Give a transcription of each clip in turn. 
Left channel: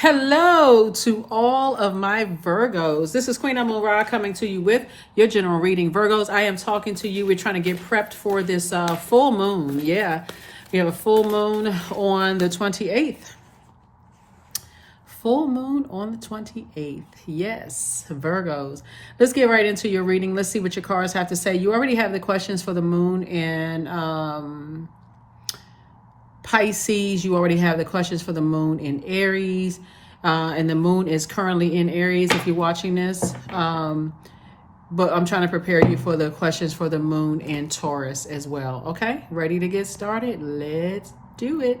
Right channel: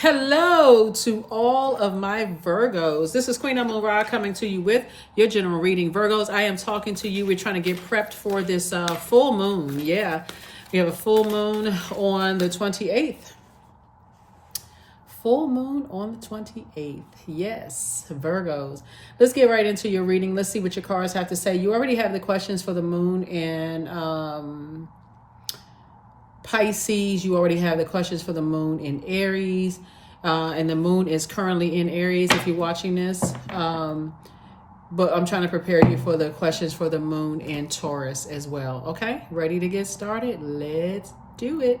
Hello to all of my Virgos. This is Queen Amun Ra coming to you with your general reading. Virgos, I am talking to you. We're trying to get prepped for this full moon. Yeah, we have a full moon on the 28th. Full moon on the 28th. Yes, Virgos. Let's get right into your reading. Let's see what your cards have to say. You already have the questions for the moon and Pisces. You already have the questions for the moon in Aries, and the moon is currently in Aries if you're watching this, but I'm trying to prepare you for the questions for the moon in Taurus as well. Okay, ready to get started? Let's do it.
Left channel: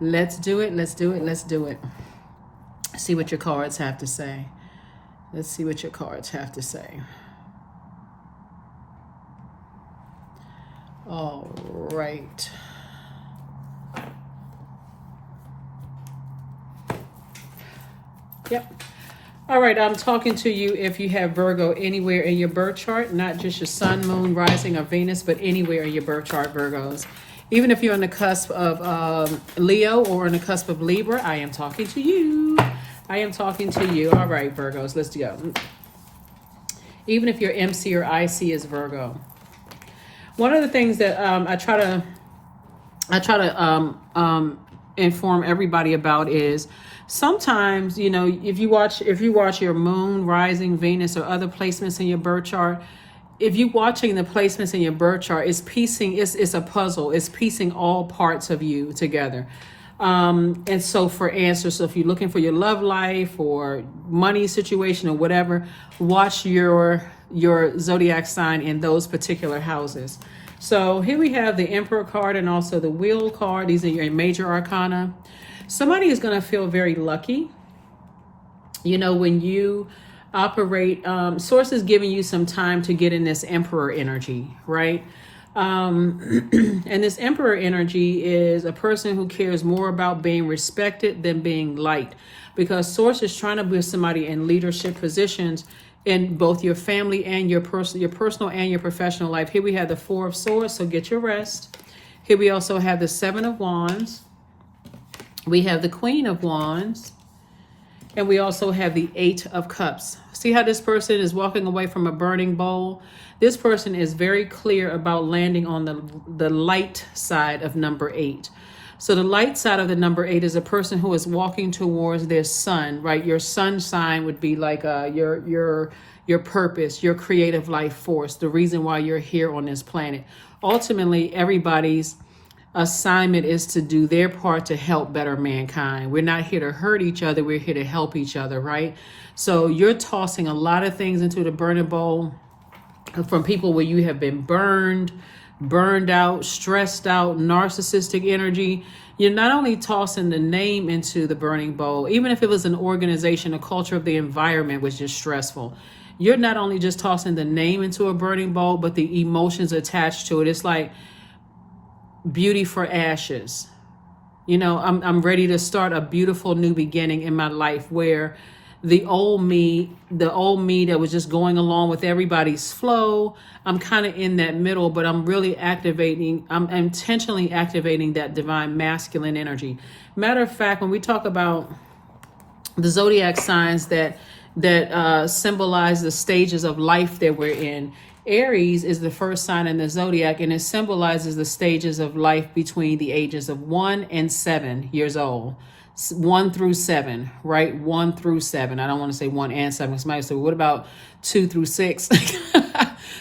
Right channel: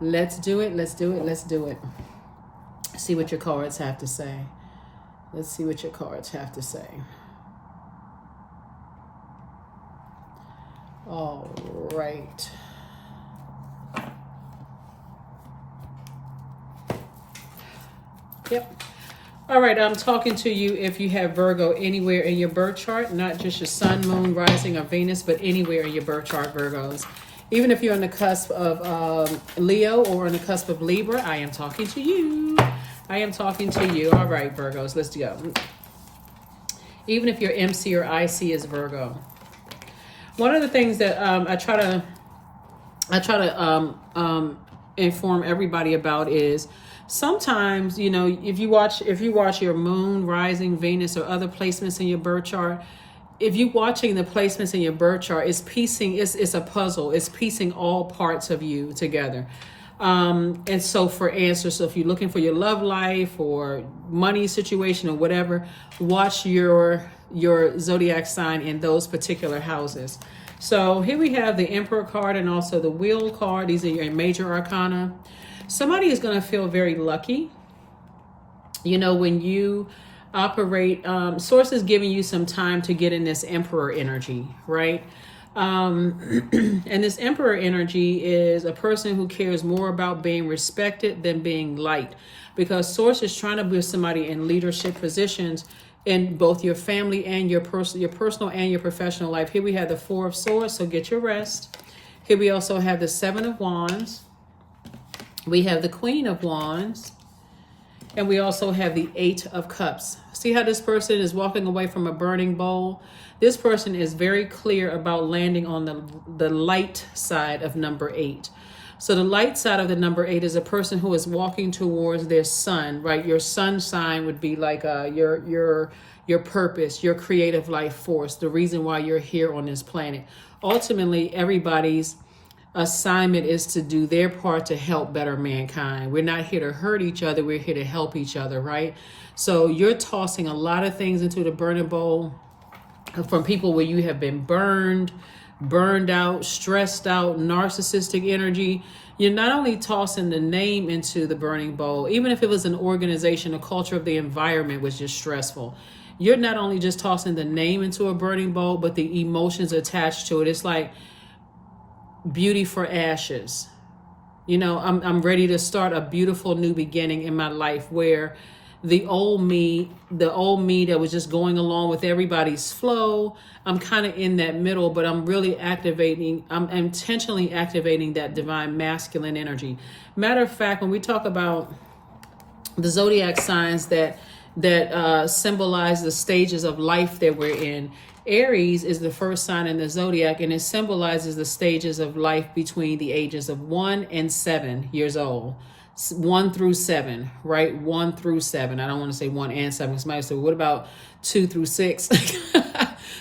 Let's do it. Let's do it. Let's do it. See what your cards have to say. Let's see what your cards have to say. All right. Yep. All right, I'm talking to you if you have Virgo anywhere in your birth chart, not just your sun, moon, rising, or Venus, but anywhere in your birth chart, Virgos. Even if you're on the cusp of Leo or on the cusp of Libra, I am talking to you. I am talking to you. All right, Virgos, let's go. Even if your MC or IC is Virgo. One of the things that I try to inform everybody about is sometimes, you know, if you watch your moon, rising, Venus, or other placements in your birth chart, if you're watching the placements in your birth chart, it's a puzzle. It's piecing all parts of you together. And so for answers, so if you're looking for your love life or money situation or whatever, watch your zodiac sign in those particular houses. So here we have the Emperor card and also the Wheel card. These are your major arcana. Somebody is going to feel very lucky. You know, when you operate, Source is giving you some time to get in this Emperor energy, right? And this Emperor energy is a person who cares more about being respected than being liked, because Source is trying to be somebody in leadership positions in both your family and your personal and your professional life. Here we have the Four of Swords, so get your rest. Here we also have the Seven of Wands. We have the Queen of Wands, and we also have the Eight of Cups. See how this person is walking away from a burning bowl? This person is very clear about landing on the light side of number 8. So the light side of the number 8 is a person who is walking towards their sun, right? Your sun sign would be like your purpose, your creative life force, the reason why you're here on this planet. Ultimately, everybody's assignment is to do their part to help better mankind. We're not here to hurt each other. We're here to help each other, right? So you're tossing a lot of things into the burning bowl from people where you have been burned out, stressed out, narcissistic energy. You're not only tossing the name into the burning bowl, even if it was an organization, a culture of the environment was just stressful. You're not only just tossing the name into a burning bowl, but the emotions attached to it. It's like beauty for ashes. You know, I'm ready to start a beautiful new beginning in my life where the old me that was just going along with everybody's flow, I'm kind of in that middle, but I'm really I'm intentionally activating that divine masculine energy. Matter of fact, when we talk about the zodiac signs that symbolize the stages of life that we're in, Aries is the first sign in the zodiac, and it symbolizes the stages of life between the ages of 1 and 7 years old. 1 through 7, right? 1 through 7. I don't want to say 1 and 7. Somebody said, what about 2 through 6?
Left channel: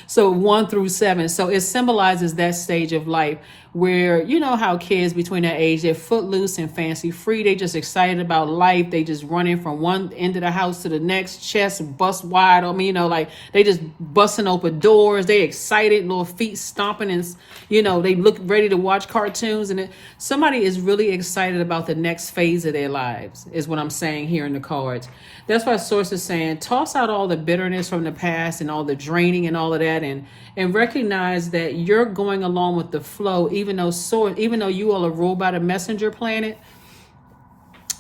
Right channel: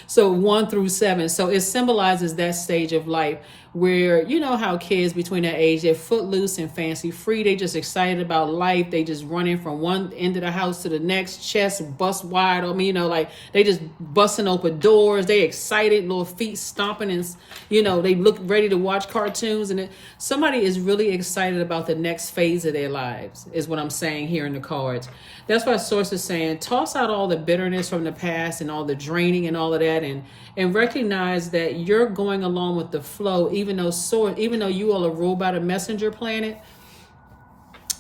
So 1 through 7. So it symbolizes that stage of life where, you know how kids between that age, they're footloose and fancy free. They just excited about life. They just running from one end of the house to the next, chest bust wide. I mean, you know, like they just busting open doors. They excited, little feet stomping, and, you know, they look ready to watch cartoons. And somebody is really excited about the next phase of their lives is what I'm saying here in the cards. That's why Source is saying, toss out all the bitterness from the past and all the draining and all of that, and recognize that you're going along with the flow, even though you all are ruled by the messenger planet.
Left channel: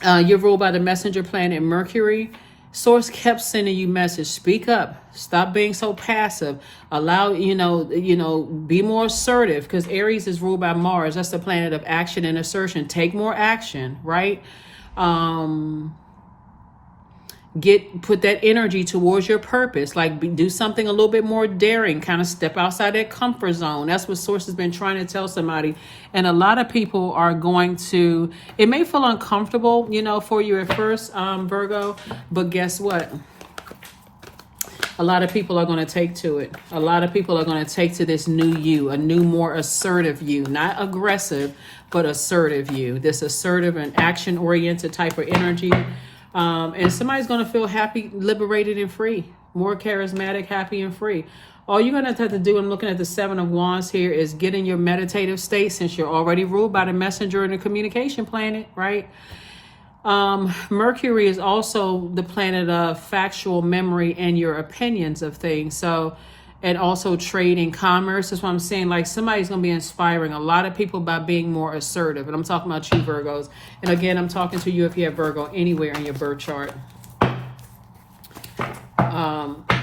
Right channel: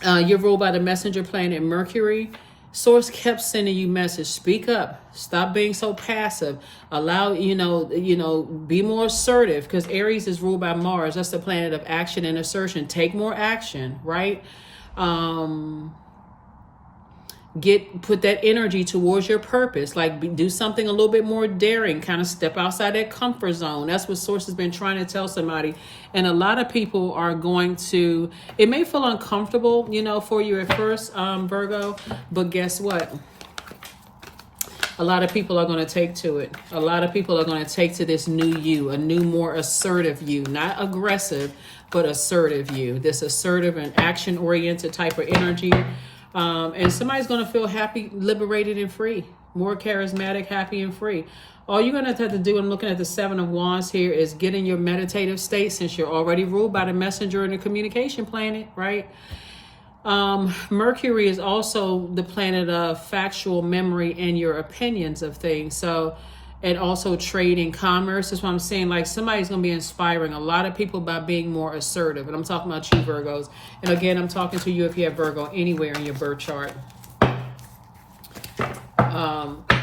You're ruled by the messenger planet Mercury. Source kept sending you message. Speak up. Stop being so passive. Allow, be more assertive, because Aries is ruled by Mars. That's the planet of action and assertion. Take more action, right? Put that energy towards your purpose, like do something a little bit more daring, kind of step outside that comfort zone. That's what source has been trying to tell somebody. And a lot of people are going to, it may feel uncomfortable, for you at first, Virgo, but guess what? A lot of people are going to take to it. A lot of people are going to take to this new you, a new, more assertive you, not aggressive, but assertive you, this assertive and action oriented type of energy. And somebody's going to feel happy, liberated, and free. More charismatic, happy, and free. All you're going to have to do, I'm looking at the Seven of Wands here, is get in your meditative state, since you're already ruled by the messenger and the communication planet, right? Mercury is also the planet of factual memory and your opinions of things. So, and also trade and commerce. That's what I'm saying. Like, somebody's going to be inspiring a lot of people by being more assertive. And I'm talking about you, Virgos. And again, I'm talking to you if you have Virgo anywhere in your birth chart.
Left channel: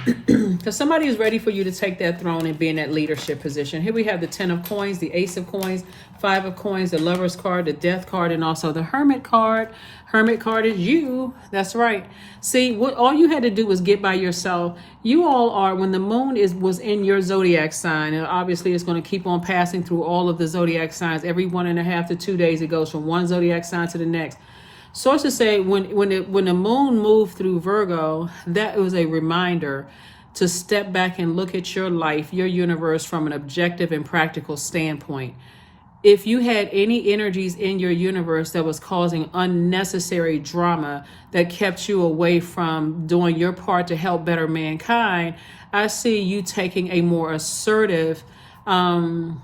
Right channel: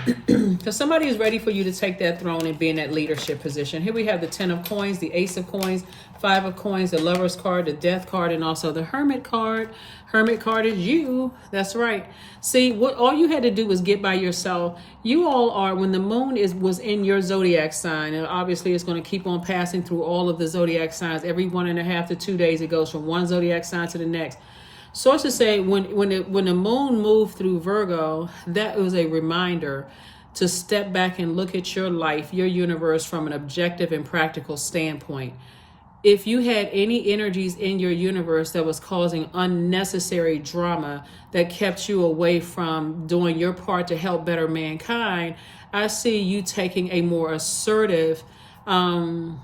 Because somebody is ready for you to take that throne and be in that leadership position. Here we have the 10 of coins, the ace of coins, 5 of coins, the lover's card, the death card, and also the hermit card. Hermit card is you. That's right. See, what all you had to do was get by yourself. You all are, when the moon was in your zodiac sign, and obviously it's going to keep on passing through all of the zodiac signs. Every 1.5 to 2 days, it goes from one zodiac sign to the next. Sources say when the moon moved through Virgo, that was a reminder to step back and look at your life, your universe, from an objective and practical standpoint. If you had any energies in your universe that was causing unnecessary drama that kept you away from doing your part to help better mankind, I see you taking a more assertive, actions,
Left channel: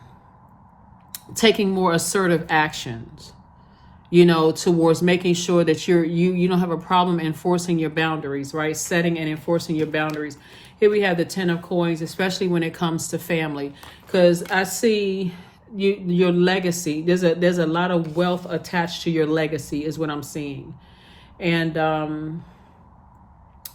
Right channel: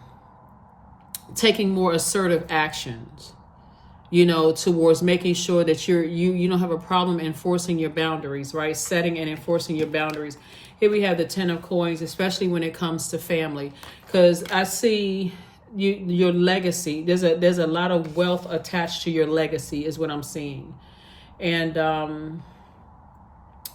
towards making sure that you don't have a problem enforcing your boundaries, right? Setting and enforcing your boundaries. Here we have the 10 of coins, especially when it comes to family, because I see your legacy. There's a lot of wealth attached to your legacy, is what I'm seeing. And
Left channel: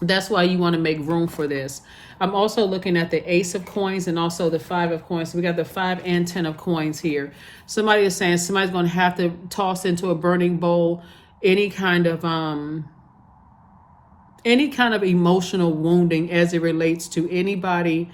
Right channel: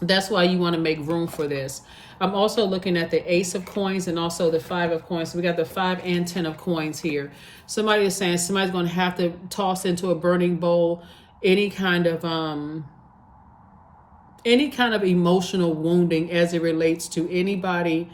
that's why you want to make room for this. I'm also looking at the ace of coins and also the 5 of coins. So we got the 5 and 10 of coins here. Somebody is saying somebody's going to have to toss into a burning bowl any kind of emotional wounding as it relates to anybody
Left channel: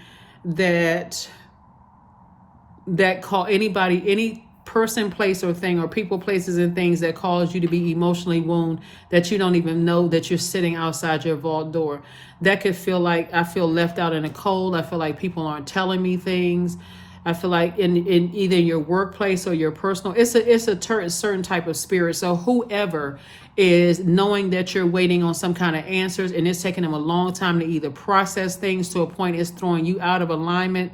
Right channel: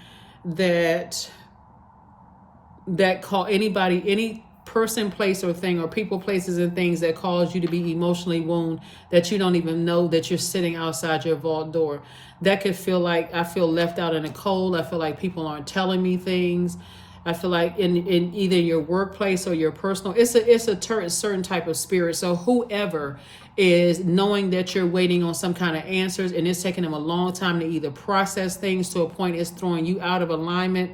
any person, place, or thing, or people, places, and things that cause you to be emotionally wounded, that you don't even know that you're sitting outside your vault door. That could feel like, I feel left out in the cold. I feel like people aren't telling me things. I feel like in either your workplace or your personal, it's a certain type of spirit. So whoever is knowing that you're waiting on some kind of answers, and it's taking them a long time to either process things to a point it's throwing you out of alignment,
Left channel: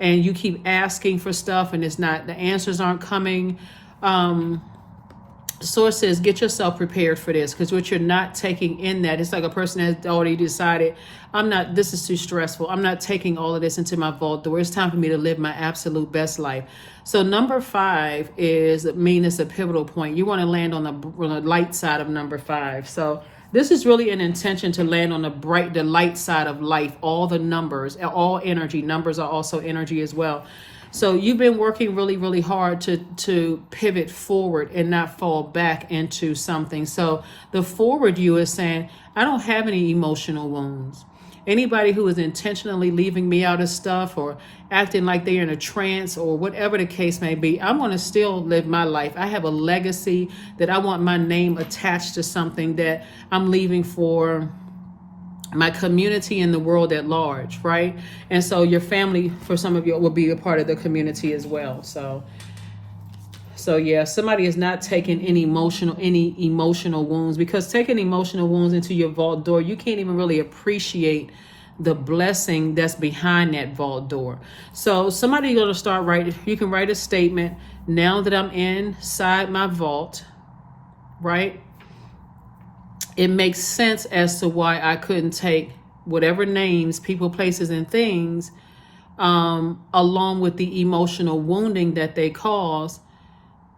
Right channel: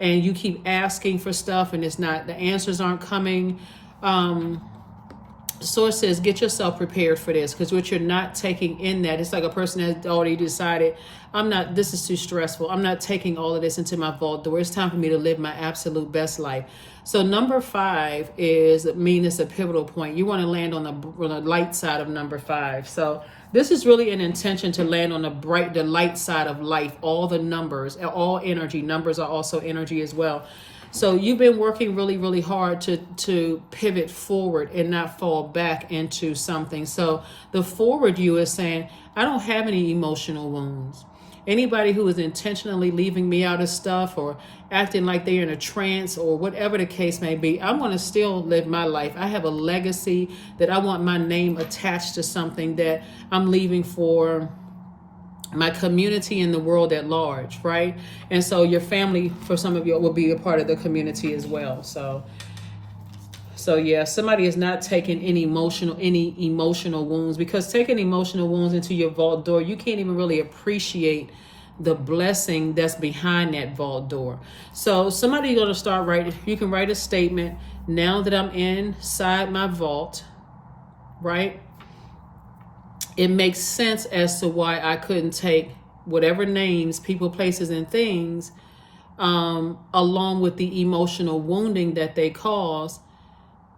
and you keep asking for stuff and the answers aren't coming. Source says, get yourself prepared for this, because what you're not taking in that, it's like a person has already decided, this is too stressful. I'm not taking all of this into my vault door. It's time for me to live my absolute best life. So number 5 it's a pivotal point. You want to land on the light side of number 5. So this is really an intention to land on the light side of life. All the numbers, all energy. Numbers are also energy as well. So you've been working really, really hard to pivot forward and not fall back into something. So the forward you is saying, I don't have any emotional wounds. Anybody who is intentionally leaving me out of stuff or acting like they're in a trance or whatever the case may be, I'm going to still live my life. I have a legacy that I want my name attached to something that I'm leaving for my community and the world at large, right? And so your family, for some of you, will be a part of the community as well. So yeah, somebody is not taking any emotional wounds, because taking emotional wounds into your vault door, you can't even really appreciate the blessing that's behind that vault door. So somebody's going to start writing. You can write a statement. Now that I'm inside my vault, right? It makes sense as to why I couldn't take whatever names, people, places, and things, along with the emotional wounding that they cause,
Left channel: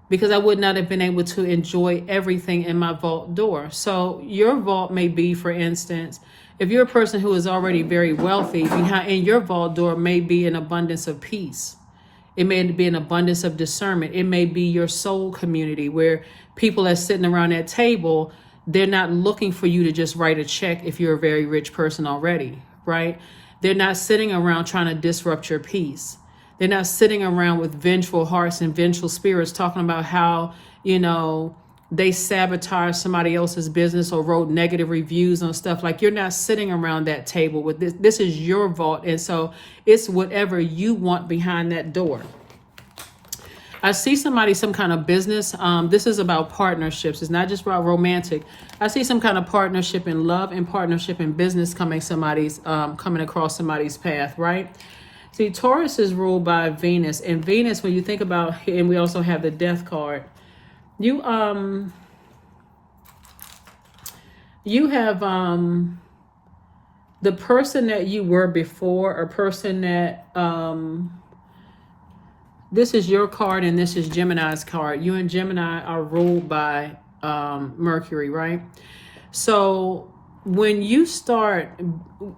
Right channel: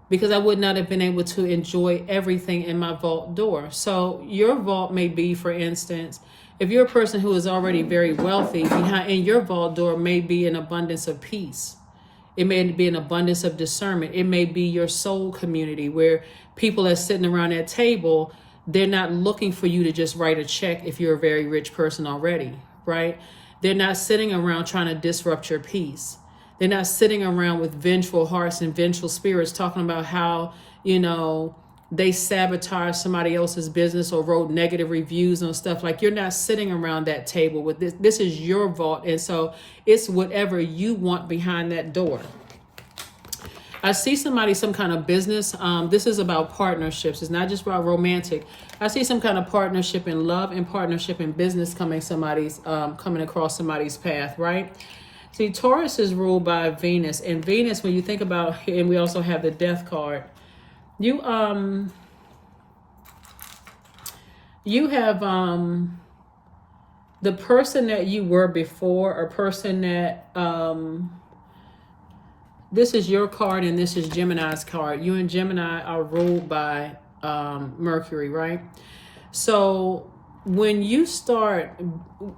because I would not have been able to enjoy everything in my vault door. So your vault may be, for instance, if you're a person who is already very wealthy, in your vault door may be an abundance of peace. It may be an abundance of discernment. It may be your soul community, where people are sitting around that table They're not looking for you to just write a check if you're a very rich person already, right? They're not sitting around trying to disrupt your peace. They're not sitting around with vengeful hearts and vengeful spirits talking about how, they sabotage somebody else's business or wrote negative reviews on stuff. Like, you're not sitting around that table with this. This is your vault. And so it's whatever you want behind that door. I see somebody, some kind of business. This is about partnerships. It's not just about romantic. I see some kind of partnership in love and partnership in business coming across somebody's path, right? See, Taurus is ruled by Venus, and Venus, when you think about, and we also have the Death card. You have the person that you were before, a person that this is your card and this is Gemini's card. You and Gemini are ruled by Mercury, right? So when you start,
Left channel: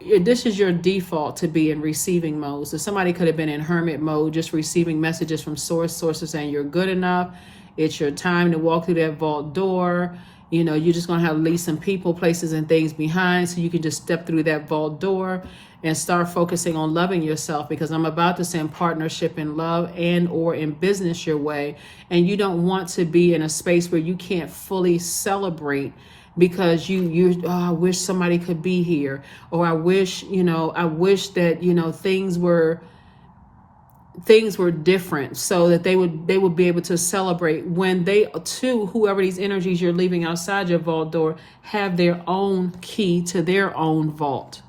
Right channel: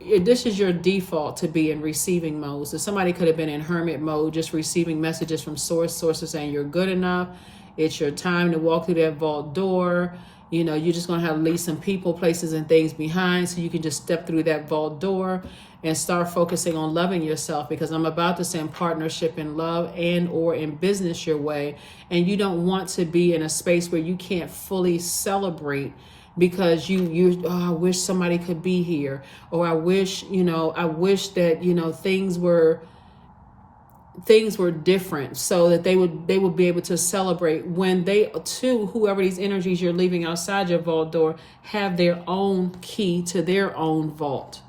this is your default to be in receiving mode. So somebody could have been in hermit mode, just receiving messages from sources saying you're good enough. It's your time to walk through that vault door. You're just going to have to leave some people, places, and things behind so you can just step through that vault door and start focusing on loving yourself, because I'm about to send partnership in love and or in business your way. And you don't want to be in a space where you can't fully celebrate because I wish somebody could be here, or I wish that, things were different, so that they would be able to celebrate when they too, whoever these energies you're leaving outside your vault door, have their own key to their own vault.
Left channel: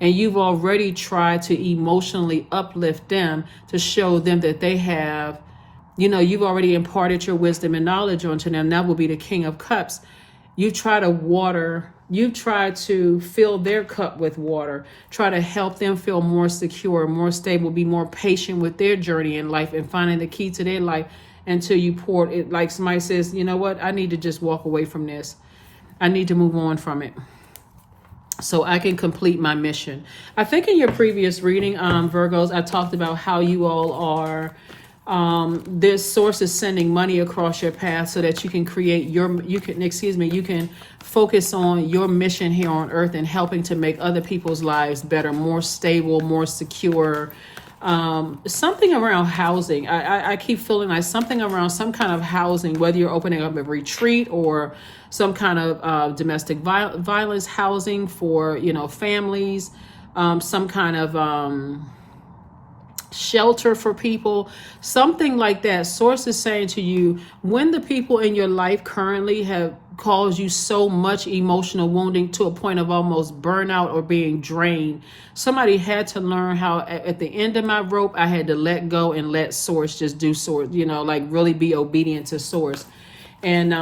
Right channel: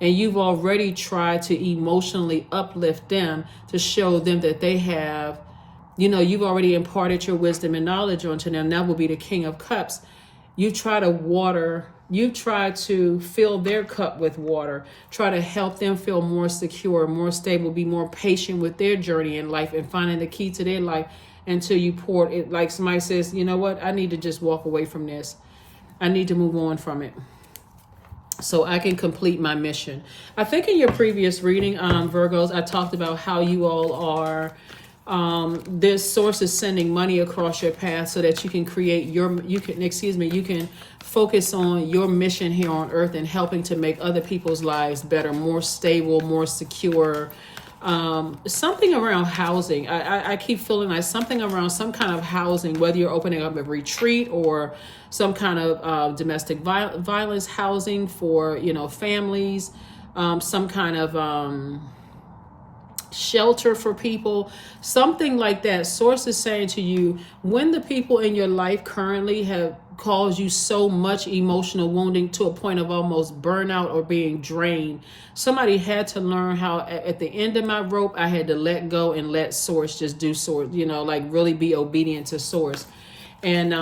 And you've already tried to emotionally uplift them to show them that they have, you've already imparted your wisdom and knowledge onto them. That will be the King of Cups. You try to fill their cup with water, try to help them feel more secure, more stable, be more patient with their journey in life and finding the key to their life, until you pour it. Like somebody says, you know what, I need to just walk away from this. I need to move on from it so I can complete my mission. I think in your previous reading, Virgos, I talked about how you all are, this source is sending money across your path so that you can you can focus on your mission here on earth and helping to make other people's lives better, more stable, more secure. Something around housing. I keep feeling like something around some kind of housing, whether you're opening up a retreat or some kind of domestic violence housing for, families, some kind of shelter for people, something like that. Source is saying to you, when the people in your life currently have caused you so much emotional wounding to a point of almost burnout or being drained, somebody had to learn how at the end of my rope, I had to let go and let source just do source, like really be obedient to source. And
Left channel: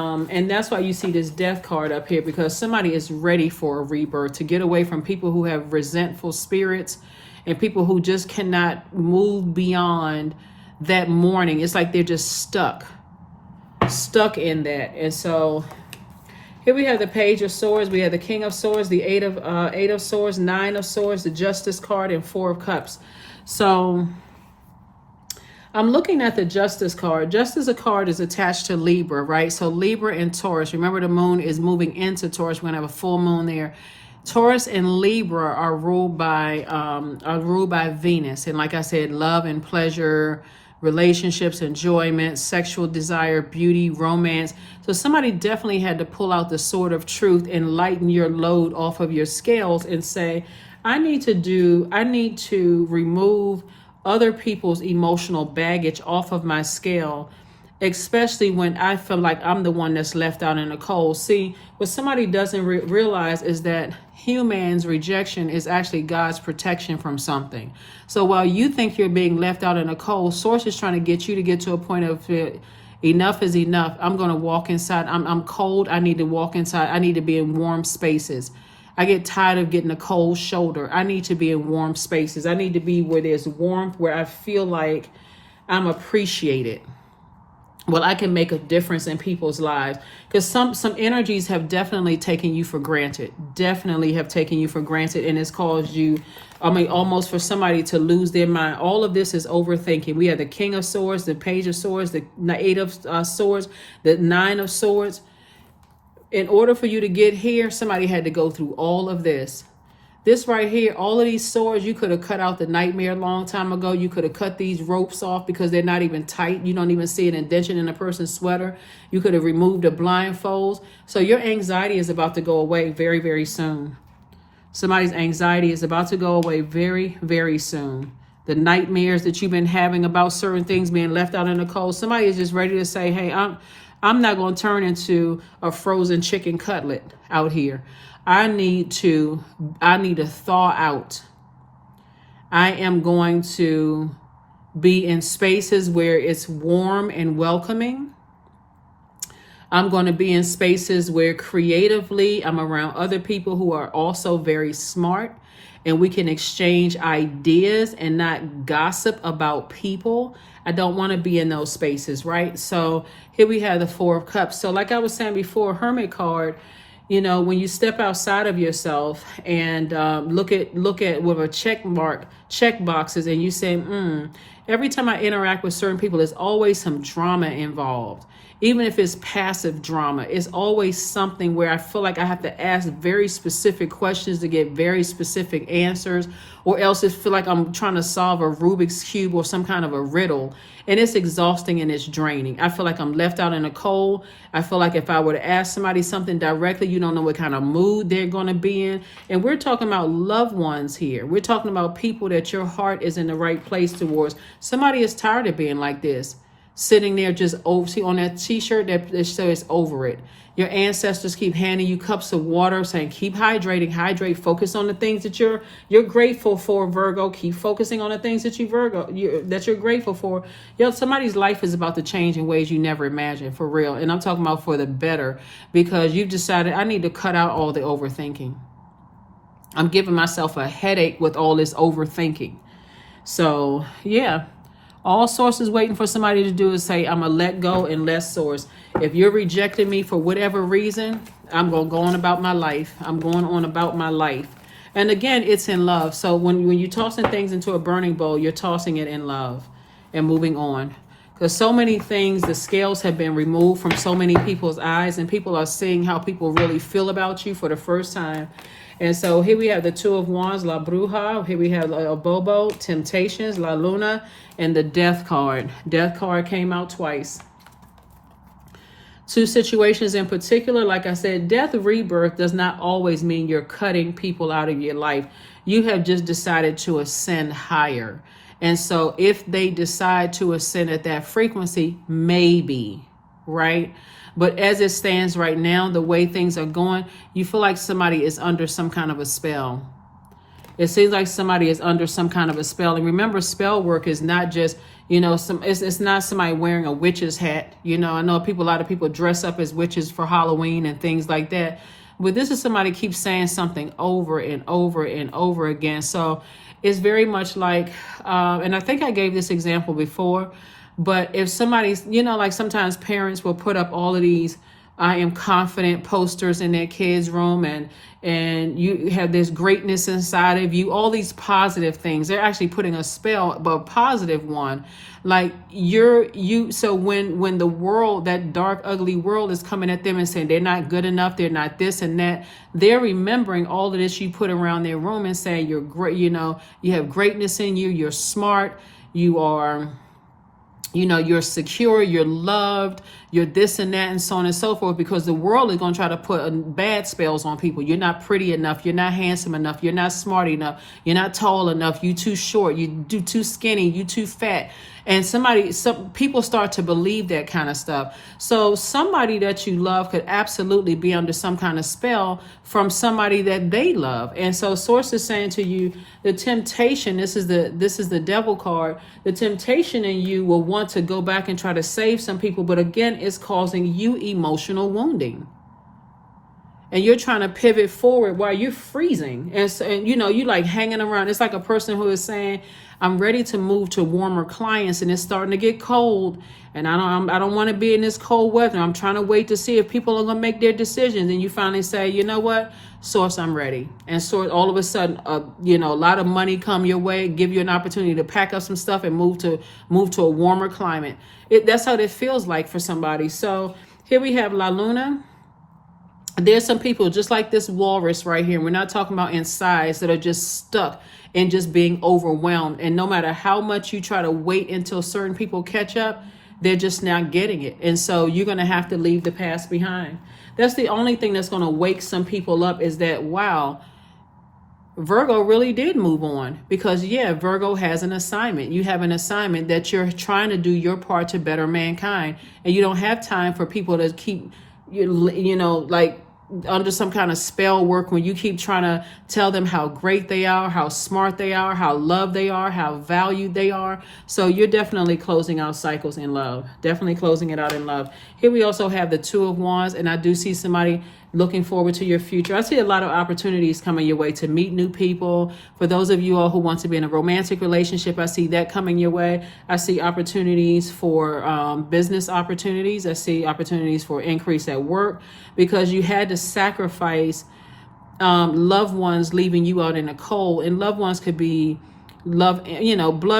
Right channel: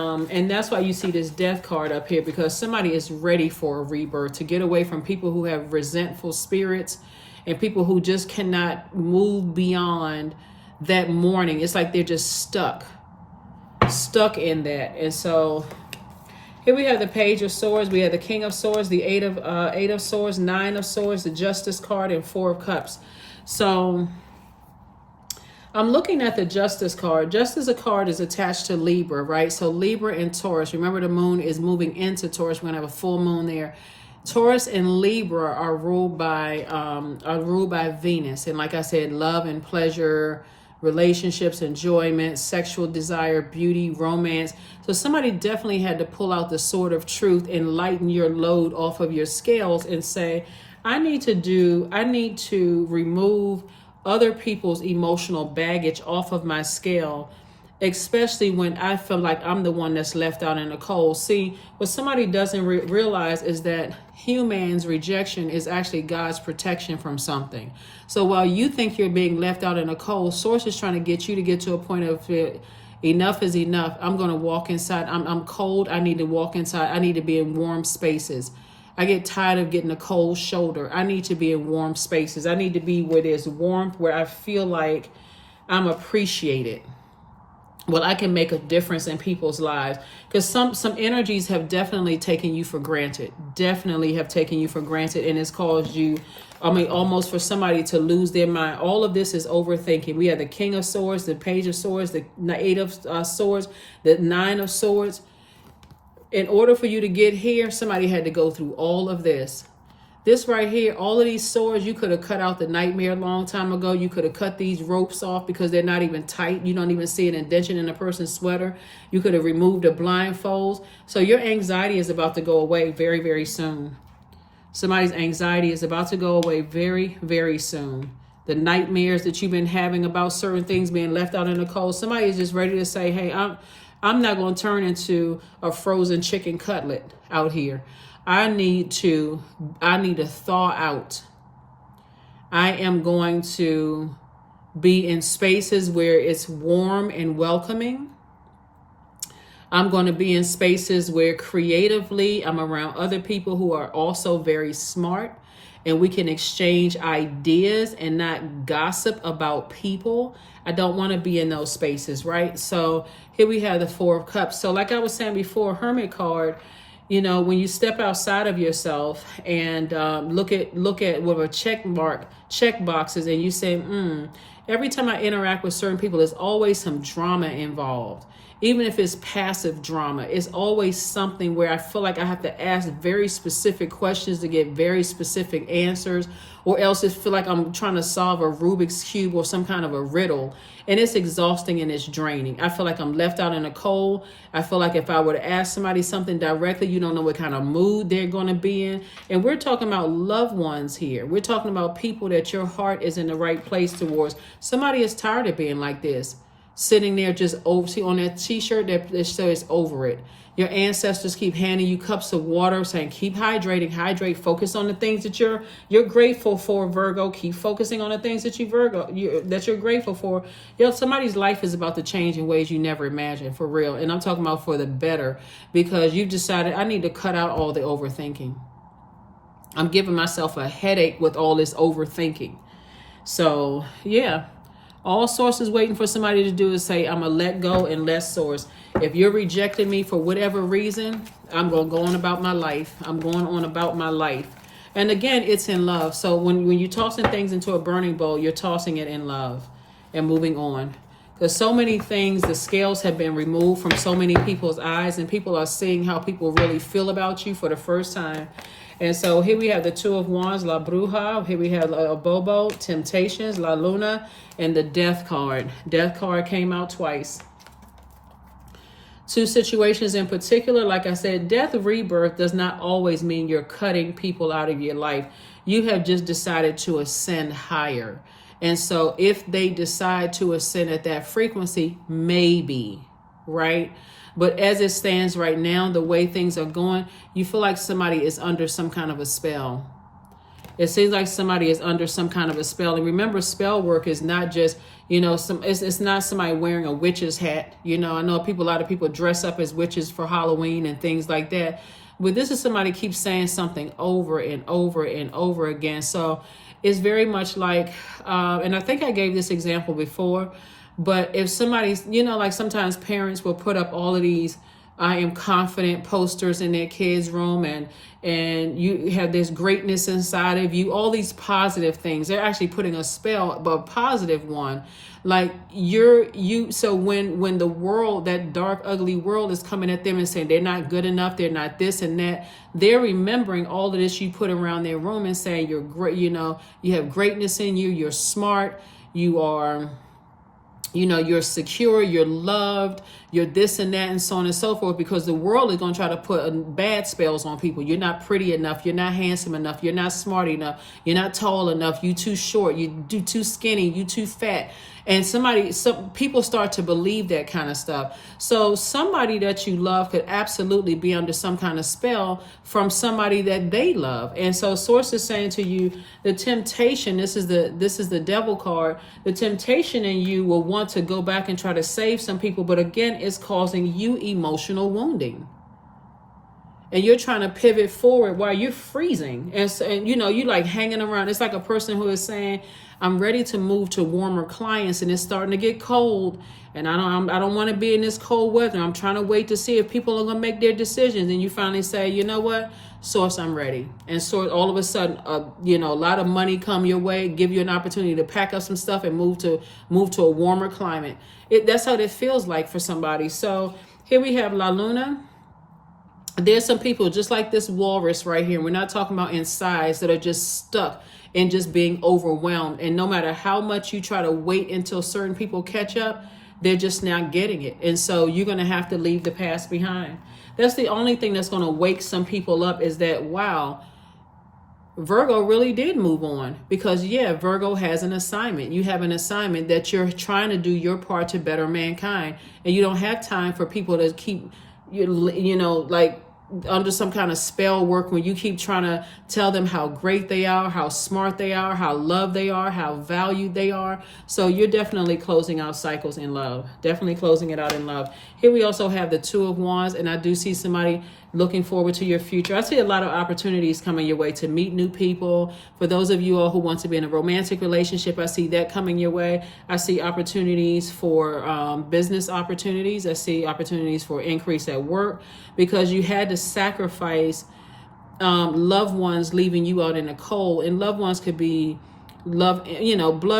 that's why you see this Death card up here, because somebody is ready for a rebirth, to get away from people who have resentful spirits and people who just cannot move beyond that mourning. It's like they're just stuck in that. And so here we have the Page of Swords, we have the King of Swords, the Eight of Swords, Nine of Swords, the Justice card, and Four of Cups. So I'm looking at the Justice card. Justice card is attached to Libra, right? So Libra and Taurus. Remember, the moon is moving into Taurus. We're gonna have a full moon there. Taurus and Libra are ruled by Venus, and like I said, love and pleasure, relationships, enjoyment, sexual desire, beauty, romance. So somebody definitely had to pull out the sword of truth and lighten your load off of your scales and say, I need to remove other people's emotional baggage off of my scale, especially when I feel like I'm the one that's left out in the cold. See, what somebody doesn't realize is that human's rejection is actually God's protection from something. So while you think you're being left out in the cold, Source is trying to get you to get to a point of enough is enough. I'm going to walk inside. I'm cold. I need to walk inside. I need to be in warm spaces. I get tired of getting a cold shoulder. I need to be in warm spaces. I need to be where there's warmth, where I feel like I'm appreciated. Well, I can make a difference in people's lives, because some energies have definitely taken you for granted. Definitely have taken you for granted, and it's caused you, almost for somebody to lose their mind. All of this is overthinking. We have the King of Swords, the Page of Swords, the Eight of Swords, the Nine of Swords. In order for you to get here, somebody had to go through all of this. This right here, all of these swords, you could have cut out the nightmare a long time ago. You could have cut these ropes off because they're not even tight. You don't even see an indentation in a person's sweater. You could have removed the blindfolds. So your anxiety is about to go away very, very soon. Somebody's anxiety is about to go away very, very soon. The nightmares that you've been having about certain things being left out in the cold, somebody is just ready to say, hey, I'm not going to turn into a frozen chicken cutlet out here. I need to thaw out. I am going to be in spaces where it's warm and welcoming. I'm going to be in spaces where creatively I'm around other people who are also very smart, and we can exchange ideas and not gossip about people. I don't want to be in those spaces, right? So here we have the Four of Cups. So like I was saying before, Hermit card, you know, when you step outside of yourself and look at with a check boxes, and you say, every time I interact with certain people, there's always some drama involved. Even if it's passive drama, it's always something where I feel like I have to ask very specific questions to get very specific answers, or else it feel like I'm trying to solve a Rubik's Cube or some kind of a riddle. And it's exhausting and it's draining. I feel like I'm left out in the cold. I feel like if I were to ask somebody something directly, you don't know what kind of mood they're going to be in. And we're talking about loved ones here. We're talking about people that your heart is in the right place towards. Somebody is tired of being like this, sitting there just see on that t-shirt that says over it. Your ancestors keep handing you cups of water, saying keep hydrate, focus on the things that you're grateful for, Virgo. Keep focusing on the things that that you're grateful for. Somebody's life is about to change in ways you never imagined, for real. And I'm talking about for the better, because you've decided I need to cut out all the overthinking. I'm giving myself a headache with all this overthinking. So yeah. All Source is waiting for somebody to do is say, I'm going to let go and let Source. If you're rejecting me for whatever reason, I'm going to go on about my life. I'm going on about my life. And again, it's in love. So when you're tossing things into a burning bowl, you're tossing it in love and moving on. Because so many things, the scales have been removed from so many people's eyes, and people are seeing how people really feel about you for the first time. And so here we have the Two of Wands, La Bruja. Here we have a Bobo, Temptations, La Luna, and the Death card. Death card came out twice. Two situations in particular, like I said, death rebirth does not always mean you're cutting people out of your life. You have just decided to ascend higher. And so if they decide to ascend at that frequency, maybe, right? But as it stands right now, the way things are going, you feel like somebody is under some kind of a spell. It seems like somebody is under some kind of a spell. And remember, spell work is not just, it's not somebody wearing a witch's hat. I know a lot of people dress up as witches for Halloween and things like that. But this is somebody keeps saying something over and over and over again. So it's very much like, and I think I gave this example before, but if somebody's, like sometimes parents will put up all of these I am confident posters in their kids' room, and you have this greatness inside of you, all these positive things. They're actually putting a spell, but a positive one. Like so when the world, that dark, ugly world is coming at them and saying they're not good enough, they're not this and that, they're remembering all of this you put around their room and saying you're great, you have greatness in you, you're smart, you are, you're secure, you're loved, you're this and that, and so on and so forth, because the world is going to try to put bad spells on people. You're not pretty enough. You're not handsome enough. You're not smart enough. You're not tall enough. You too short. You too skinny. You too fat. And some people start to believe that kind of stuff. So somebody that you love could absolutely be under some kind of spell from somebody that they love. And so Source is saying to you, the temptation, this is the Devil card, the temptation in you will want to go back and try to save some people, but again, it's causing you emotional wounding. And you're trying to pivot forward while you're freezing. And you like hanging around. It's like a person who is saying, I'm ready to move to warmer climates, and it's starting to get cold, and I don't want to be in this cold weather. I'm trying to wait to see if people are going to make their decisions. And you finally say, you know what, Source, I'm ready. And so all of a sudden, a lot of money come your way, give you an opportunity to pack up some stuff and move to a warmer climate. That's how it feels like for somebody. So here we have La Luna. There's some people just like this walrus right here. We're not talking about in size, that are just stuck in just being overwhelmed. And no matter how much you try to wait until certain people catch up, they're just not getting it. And so you're going to have to leave the past behind. That's the only thing that's going to wake some people up, is that, wow, Virgo really did move on. Because yeah, Virgo has an assignment. You have an assignment that you're trying to do your part to better mankind. And you don't have time for people to keep, like under some kind of spell work, when you keep trying to tell them how great they are, how smart they are, how loved they are, how valued they are. So you're definitely closing out cycles in love. Definitely closing it out in love. Here we also have the Two of Wands, and I do see somebody looking forward to your future. I see a lot of opportunities coming your way to meet new people. For those of you all who want to be in a romantic relationship, I see that coming your way. I see opportunities for business opportunities. I see opportunities for increase at work, because you had to sacrifice loved ones leaving you out in the cold. And loved ones could be blood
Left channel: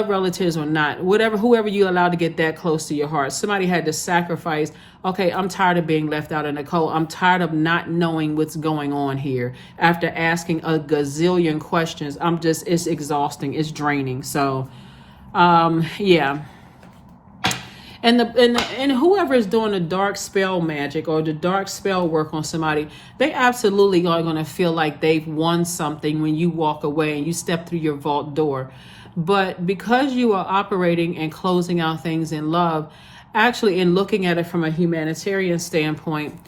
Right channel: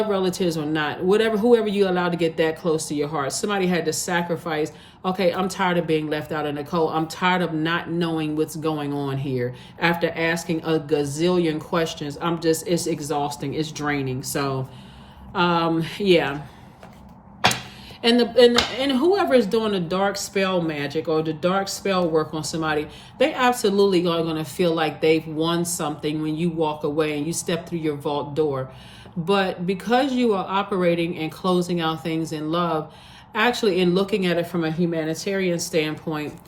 relatives or not, whoever you allow to get that close to your heart. Somebody had to sacrifice. Okay, I'm tired of being left out in the cold. I'm tired of not knowing what's going on here. After asking a gazillion questions, it's exhausting. It's draining. So, yeah. And whoever is doing the dark spell magic or the dark spell work on somebody, they absolutely are going to feel like they've won something when you walk away and you step through your vault door. But because you are operating and closing out things in love, actually, in looking at it from a humanitarian standpoint,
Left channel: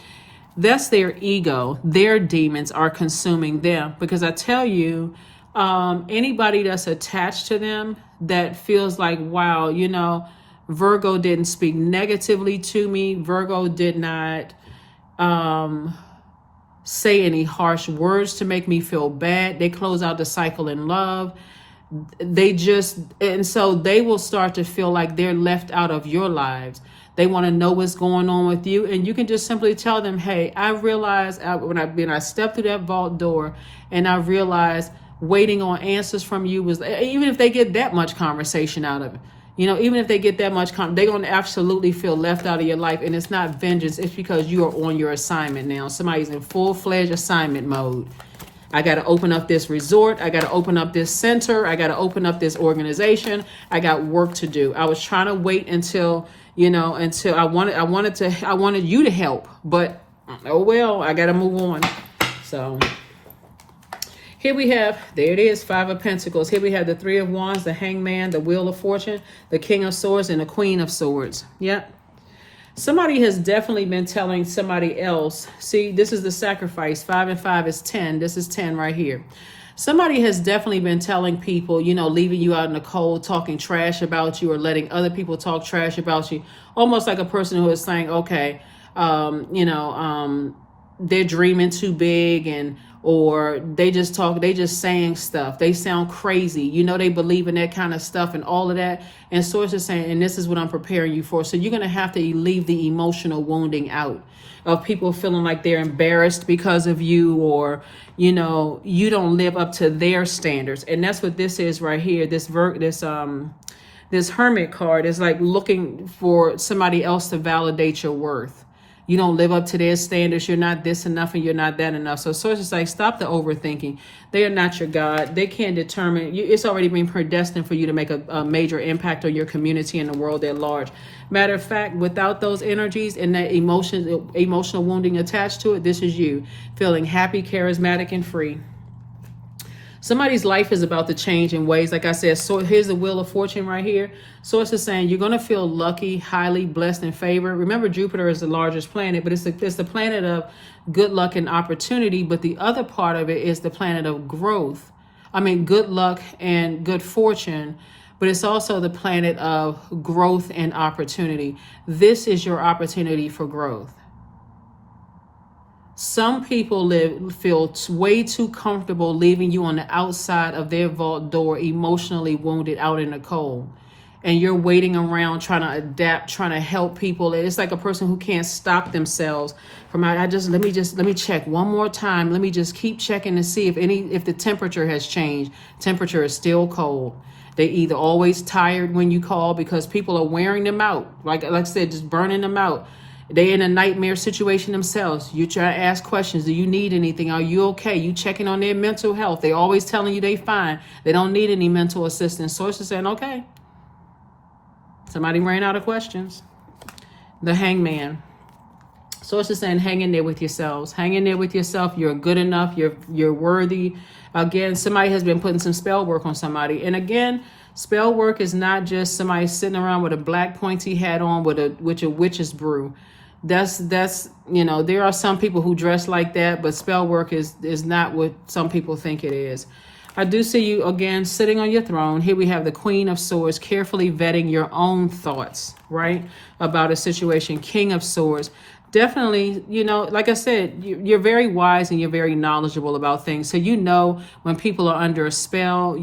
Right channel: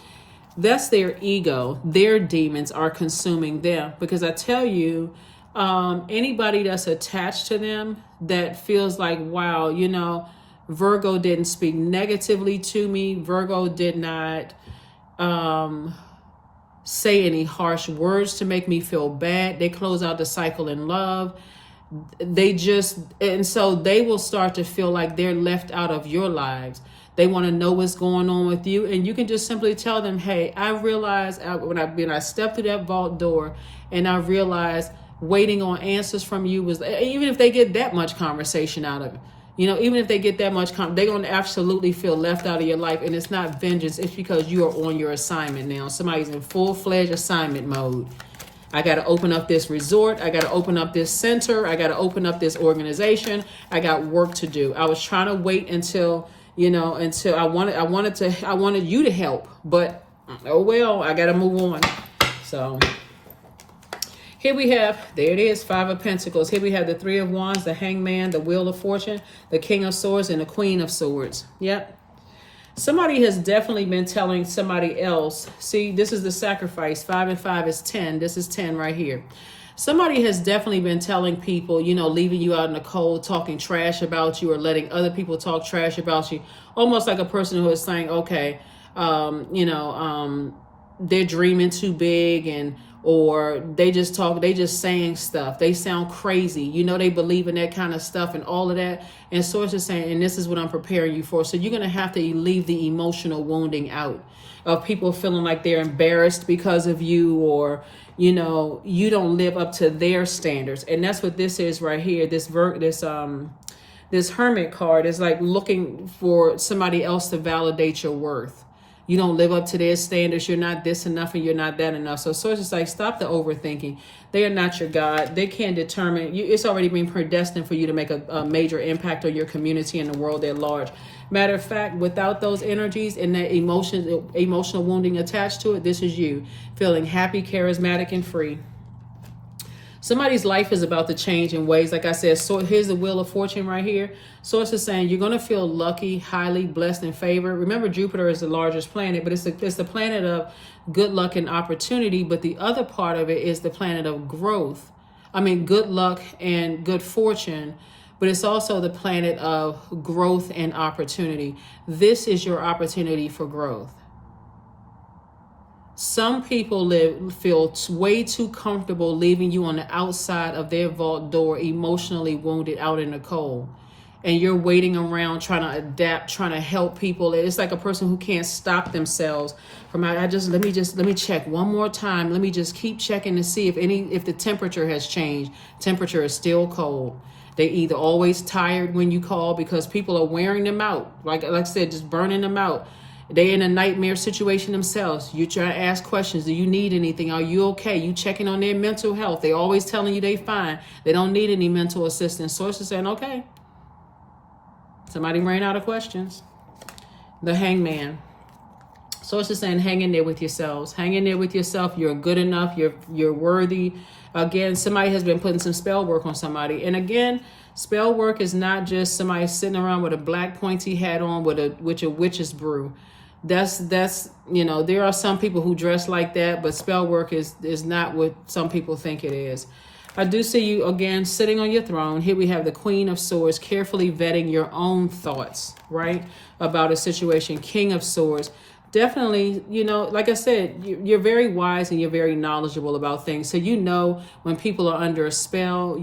that's their ego. Their demons are consuming them. Because I tell you, anybody that's attached to them that feels like, wow, Virgo didn't speak negatively to me. Virgo did not say any harsh words to make me feel bad. They close out the cycle in love. And so they will start to feel like they're left out of your lives. They want to know what's going on with you. And you can just simply tell them, hey, I realized when I stepped through that vault door, and I realized waiting on answers from you was, even if they get that much conversation out of it, even if they get that much, they're going to absolutely feel left out of your life. And it's not vengeance. It's because you are on your assignment now. Somebody's in full-fledged assignment mode. I got to open up this resort. I got to open up this center. I got to open up this organization. I got work to do. I was trying to wait until I wanted you to help, but oh well, I got to move on. So here we have, there it is, Five of Pentacles. Here we have the Three of Wands, the Hangman, the Wheel of Fortune, the King of Swords, and the Queen of Swords. Yep. Somebody has definitely been telling somebody else. See, this is the sacrifice. 5 and 5 is 10. This is 10 right here. Somebody has definitely been telling people, leaving you out in the cold, talking trash about you, or letting other people talk trash about you. Almost like a person who is saying, okay, they're dreaming too big, or they just saying stuff. They sound crazy. They believe in that kind of stuff and all of that. And Source is saying, and this is what I'm preparing you for. So you're going to have to leave the emotional wounding out of people feeling like they're embarrassed because of you, or, you don't live up to their standards. And that's what this is right here. This Hermit card is like looking for somebody else to validate your worth. You don't live up to their standards. You're not this enough and you're not that enough. So Source is like, stop the overthinking. They are not your God. They can't determine. It's already been predestined for you to make a major impact on your community and the world at large. Matter of fact, without those energies and that emotional wounding attached to it, this is you feeling happy, charismatic, and free. Somebody's life is about to change in ways, like I said. So here's the Wheel of Fortune right here. Source is saying you're going to feel lucky, highly blessed, and favored. Remember, Jupiter is the largest planet, but it's the planet of good luck and opportunity. But the other part of it is the planet of growth. Good luck and good fortune, but it's also the planet of growth and opportunity. This is your opportunity for growth. Some people feel way too comfortable leaving you on the outside of their vault door, emotionally wounded, out in the cold. And you're waiting around trying to adapt, trying to help people. It's like a person who can't stop themselves from, let me check one more time. Let me just keep checking to see if the temperature has changed. Temperature is still cold. They either always tired when you call because people are wearing them out. Like I said, just burning them out. They in a nightmare situation themselves. You try to ask questions. Do you need anything? Are you okay? You checking on their mental health. They always telling you they fine. They don't need any mental assistance. Source is saying, okay. Somebody ran out of questions. The Hangman. Source is saying, hang in there with yourselves. Hang in there with yourself. You're good enough. You're worthy. Again, somebody has been putting some spell work on somebody. And again, spell work is not just somebody sitting around with a black pointy hat on with a witch's brew. That's there are some people who dress like that, but spell work is not what some people think it is. I do see you again sitting on your throne. Here we have the Queen of Swords, carefully vetting your own thoughts, right, about a situation. King of Swords. Definitely, like I said, you're very wise and you're very knowledgeable about things. So when people are under a spell,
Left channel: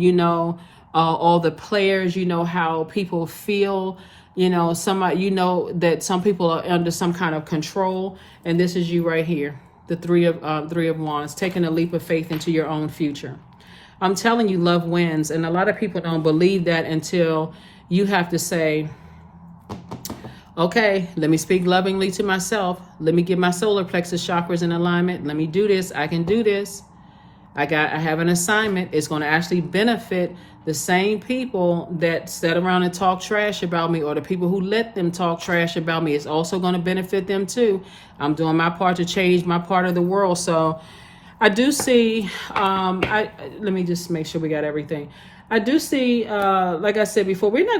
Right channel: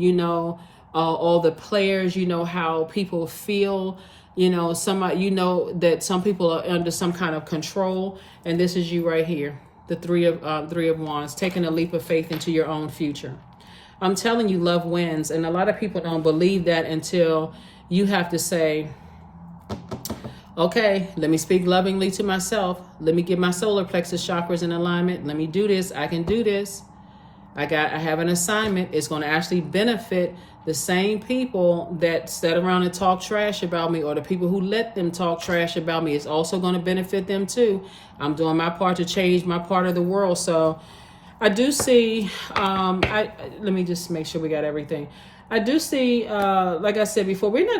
all the players, how people feel. That some people are under some kind of control, and this is you right here, the three of Wands, taking a leap of faith into your own future. I'm telling you, love wins, and a lot of people don't believe that until you have to say, okay, let me speak lovingly to myself. Let me get my solar plexus chakras in alignment. Let me do this. I can do this. I have an assignment. It's going to actually benefit the same people that sat around and talk trash about me, or the people who let them talk trash about me. It's also going to benefit them too. I'm doing my part to change my part of the world. So I do see, let me just make sure we got everything. I do see, like I said before, we're not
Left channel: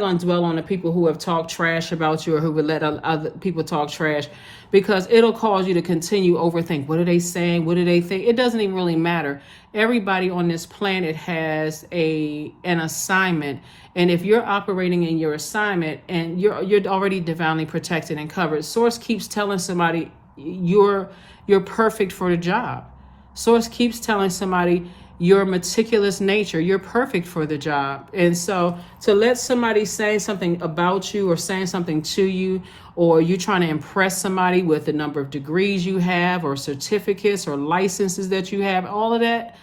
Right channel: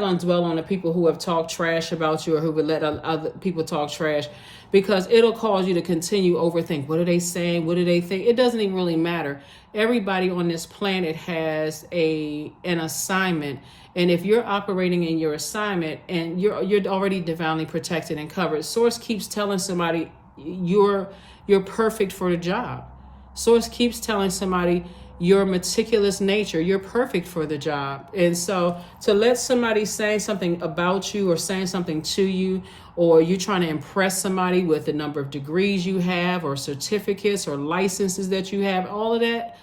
gonna dwell on the people who have talked trash about you or who would let other people talk trash, because it'll cause you to continue overthink. What are they saying? What do they think? It doesn't even really matter. Everybody on this planet has an assignment, and if you're operating in your assignment and you're already divinely protected and covered. Source keeps telling somebody you're perfect for the job. Source keeps telling somebody your meticulous nature, you're perfect for the job. And so to let somebody say something about you or saying something to you, or you're trying to impress somebody with the number of degrees you have or certificates or licenses that you have, all of that,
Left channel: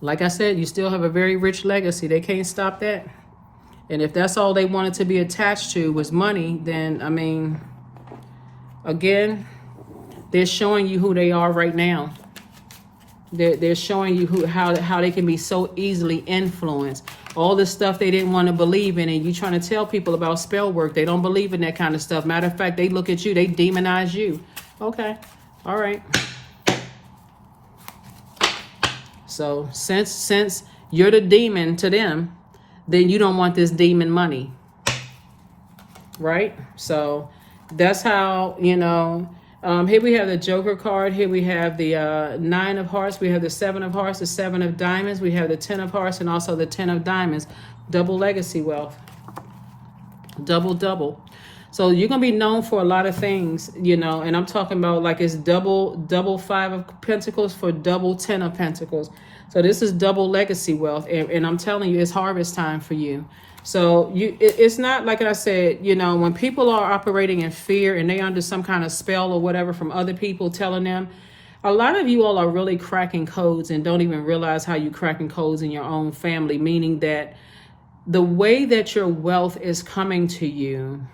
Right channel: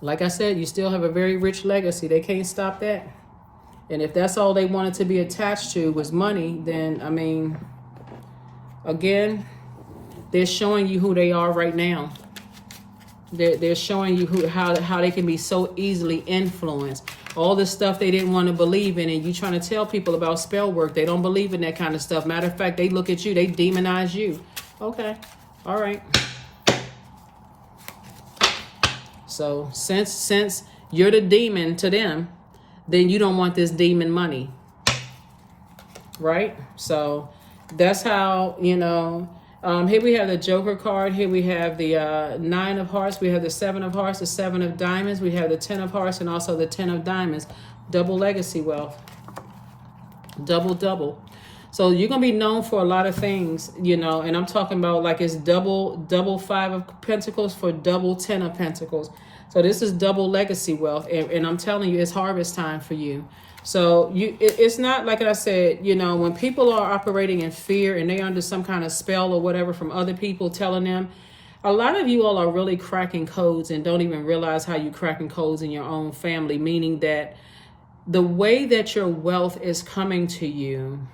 like I said, you still have a very rich legacy. They can't stop that. And if that's all they wanted to be attached to was money, then, again, they're showing you who they are right now. They're showing you how they can be so easily influenced. All the stuff they didn't want to believe in, and you trying to tell people about spell work. They don't believe in that kind of stuff. Matter of fact, they look at you, they demonize you. Okay, all right. So since you're the demon to them, then you don't want this demon money, right? So that's how, here we have the Joker card. Here we have the 9 of Hearts. We have the 7 of Hearts, the 7 of Diamonds. We have the 10 of Hearts and also the 10 of Diamonds. Double legacy wealth. Double. So you're going to be known for a lot of things, and I'm talking about like it's double 5 of Pentacles for double 10 of Pentacles. So this is double legacy wealth, and I'm telling you, it's harvest time for you. So it's not like I said, when people are operating in fear and they under some kind of spell or whatever from other people telling them, a lot of you all are really cracking codes and don't even realize how you cracking codes in your own family, meaning that the way that your wealth is coming to you,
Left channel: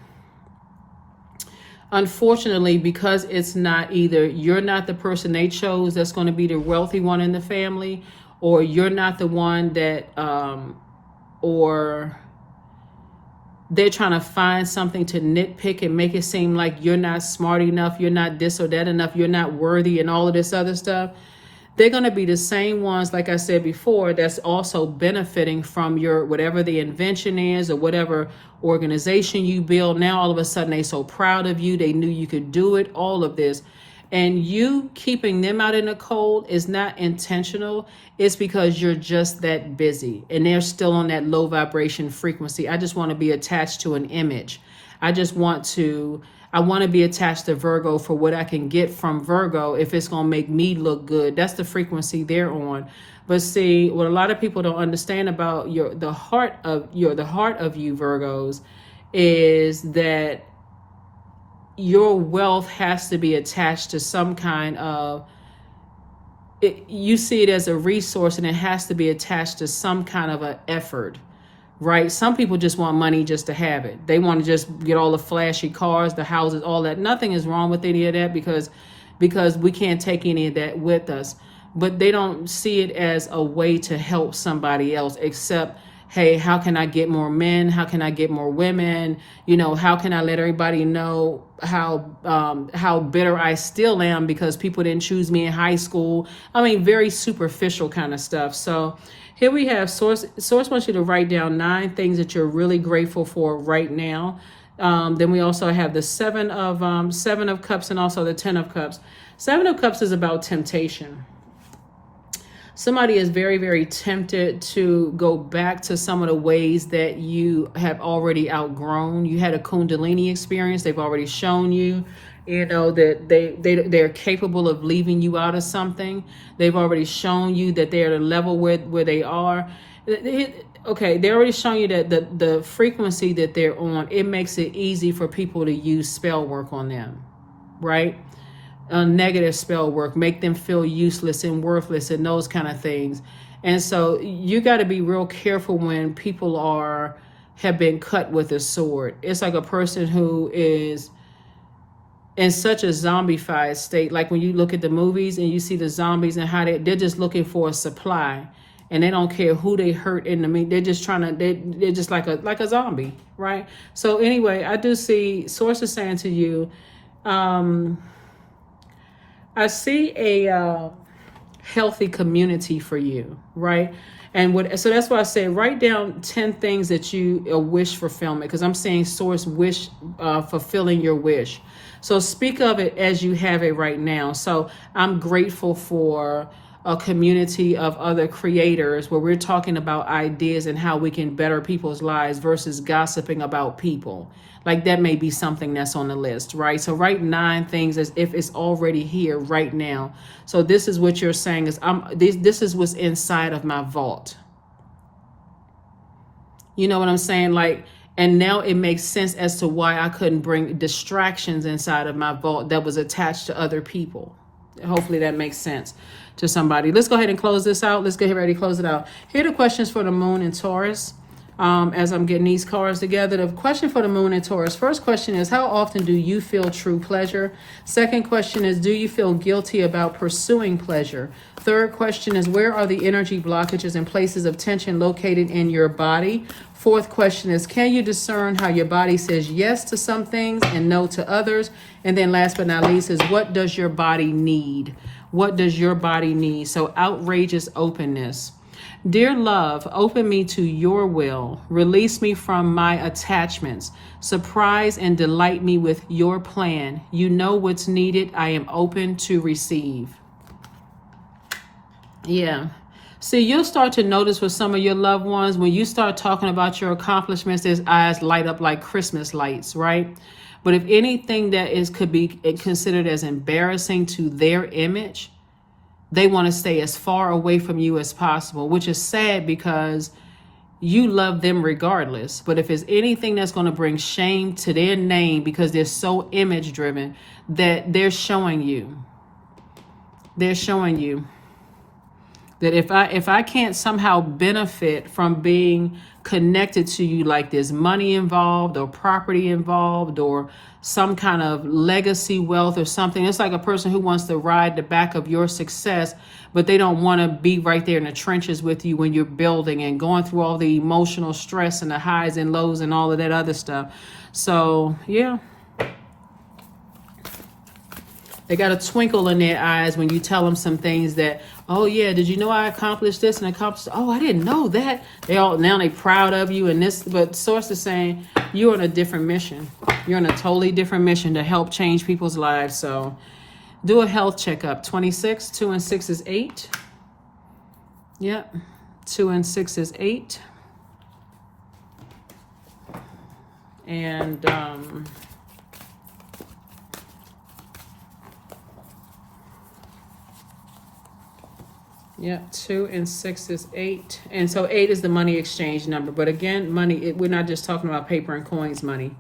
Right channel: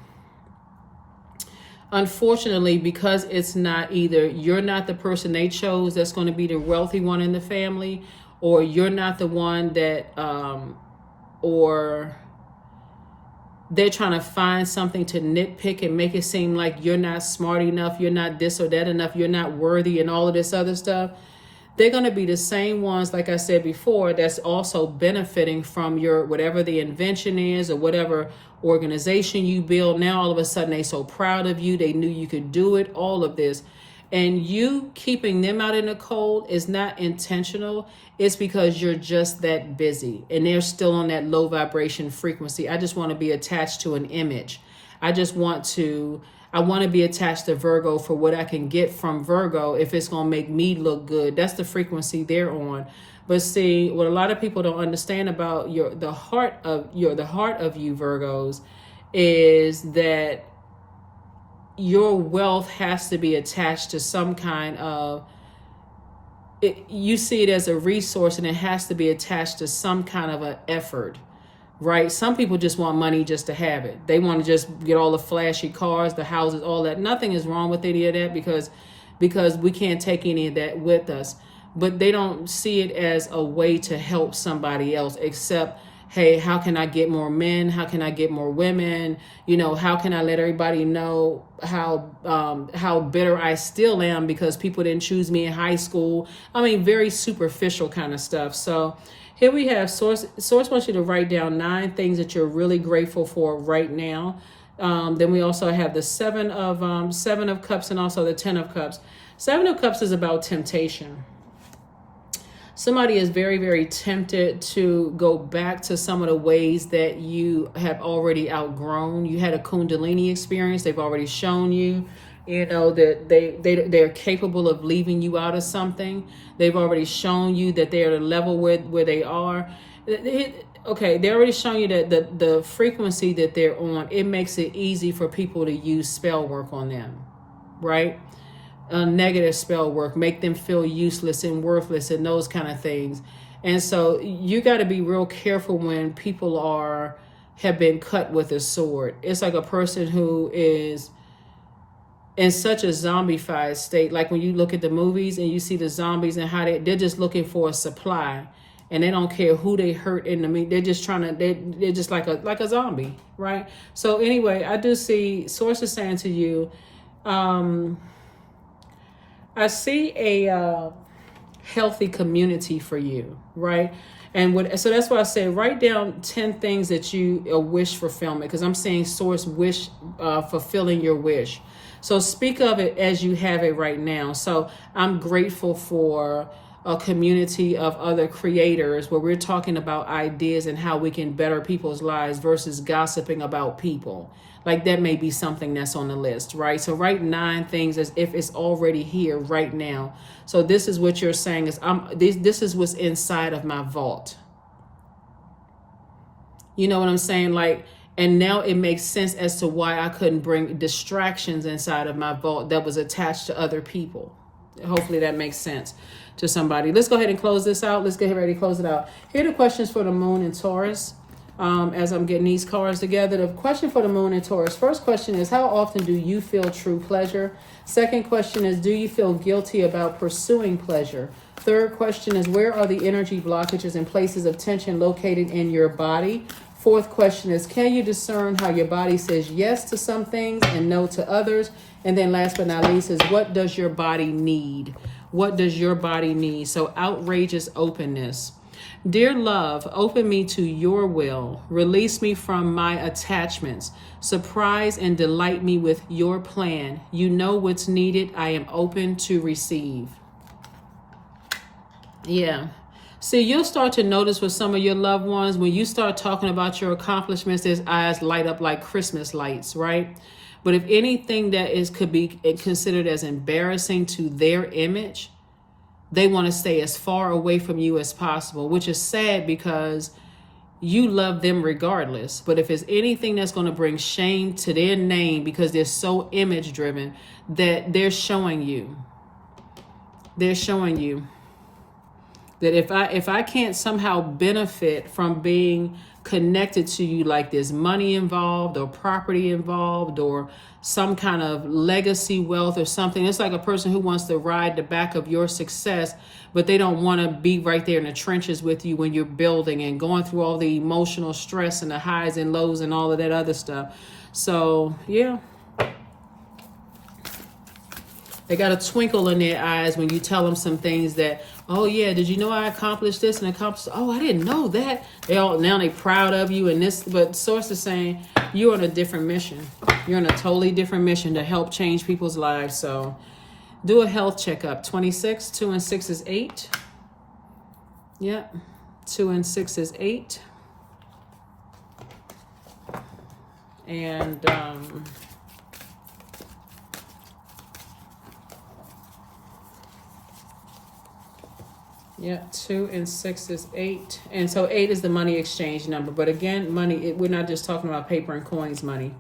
unfortunately, because it's not either you're not the person they chose that's going to be the wealthy one in the family, or you're not the one that, or they're trying to find something to nitpick and make it seem like you're not smart enough, you're not this or that enough, you're not worthy and all of this other stuff. They're going to be the same ones, like I said before, that's also benefiting from your whatever the invention is or whatever organization you build. Now all of a sudden they're so proud of you, they knew you could do it, all of this. And you keeping them out in the cold is not intentional. It's because you're just that busy and they're still on that low vibration frequency. I just want to be attached to an image. I want to be attached to Virgo for what I can get from Virgo if it's going to make me look good. That's the frequency they're on. But see, what a lot of people don't understand about the heart of you Virgos is that your wealth has to be attached to some kind of, you see it as a resource, and it has to be attached to some kind of an effort, right? Some people just want money just to have it. They want to just get all the flashy cars, the houses, all that. Nothing is wrong with any of that because we can't take any of that with us. But they don't see it as a way to help somebody else, except, hey, how can I get more men? How can I get more women? You know, how can I let everybody know how bitter I still am because people didn't choose me in high school? I mean, very superficial kind of stuff. So here we have Source wants you to write down 9 things that you're really grateful for right now. Then we also have the Seven of Cups and also the 10 of Cups. 7 of Cups is about temptation. Somebody is very, very tempted to go back to some of the ways that you have already outgrown. You had a Kundalini experience. They've already shown you, you know, that they're capable of leaving you out of something. They've already shown you that they're at a level where they are. Okay, they already shown you that the frequency that they're on, it makes it easy for people to use spell work on them, right? Negative spell work, make them feel useless and worthless and those kind of things. And so you got to be real careful when people have been cut with a sword. It's like a person who is in such a zombified state. Like when you look at the movies and you see the zombies and how they're just looking for a supply, and they don't care who they hurt in the meat. They're just they're just like a zombie, right? So anyway, I do see sources saying to you, I see a healthy community for you, right? And so that's why I say write down 10 things that you wish fulfillment, because I'm saying source wish fulfilling your wish. So speak of it as you have it right now. So I'm grateful for a community of other creators where we're talking about ideas and how we can better people's lives versus gossiping about people. Like that may be something that's on the list, right? So write 9 things as if it's already here right now. So this is what you're saying is this is what's inside of my vault. You know what I'm saying? Like, and now it makes sense as to why I couldn't bring distractions inside of my vault that was attached to other people. Hopefully that makes sense to somebody. Let's go ahead and close this out. Let's get ready to close it out. Here are the questions for the moon and Taurus. As I'm getting these cards together, the question for the moon and Taurus. First question is, how often do you feel true pleasure? Second question is, do you feel guilty about pursuing pleasure? Third question is, where are the energy blockages and places of tension located in your body? Fourth question is, can you discern how your body says yes to some things and no to others? And then last but not least is, what does your body need? What does your body need? So outrageous openness. Dear love, open me to your will. Release me from my attachments. Surprise and delight me with your plan. You know what's needed. I am open to receive. Yeah. See, you'll start to notice with some of your loved ones, when you start talking about your accomplishments, their eyes light up like Christmas lights, right? But if anything that could be considered as embarrassing to their image, they want to stay as far away from you as possible, which is sad because you love them regardless. But if it's anything that's going to bring shame to their name because they're so image driven, that they're showing you that if I can't somehow benefit from being connected to you, like there's money involved or property involved or some kind of legacy wealth or something. It's like a person who wants to ride the back of your success, but they don't want to be right there in the trenches with you when you're building and going through all the emotional stress and the highs and lows and all of that other stuff. So, yeah. They got a twinkle in their eyes when you tell them some things that, oh yeah, did you know I accomplished this and accomplished? Oh, I didn't know that. Now they proud of you and this, but source is saying you're on a different mission. You're on a totally different mission to help change people's lives. So do a health checkup. 26, 2 and 6 is 8. Yep. 2 and 6 is 8. And, yeah, 2 and 6 is 8. And so 8 is the money exchange number. But again, money, we're not just talking about paper and coins money.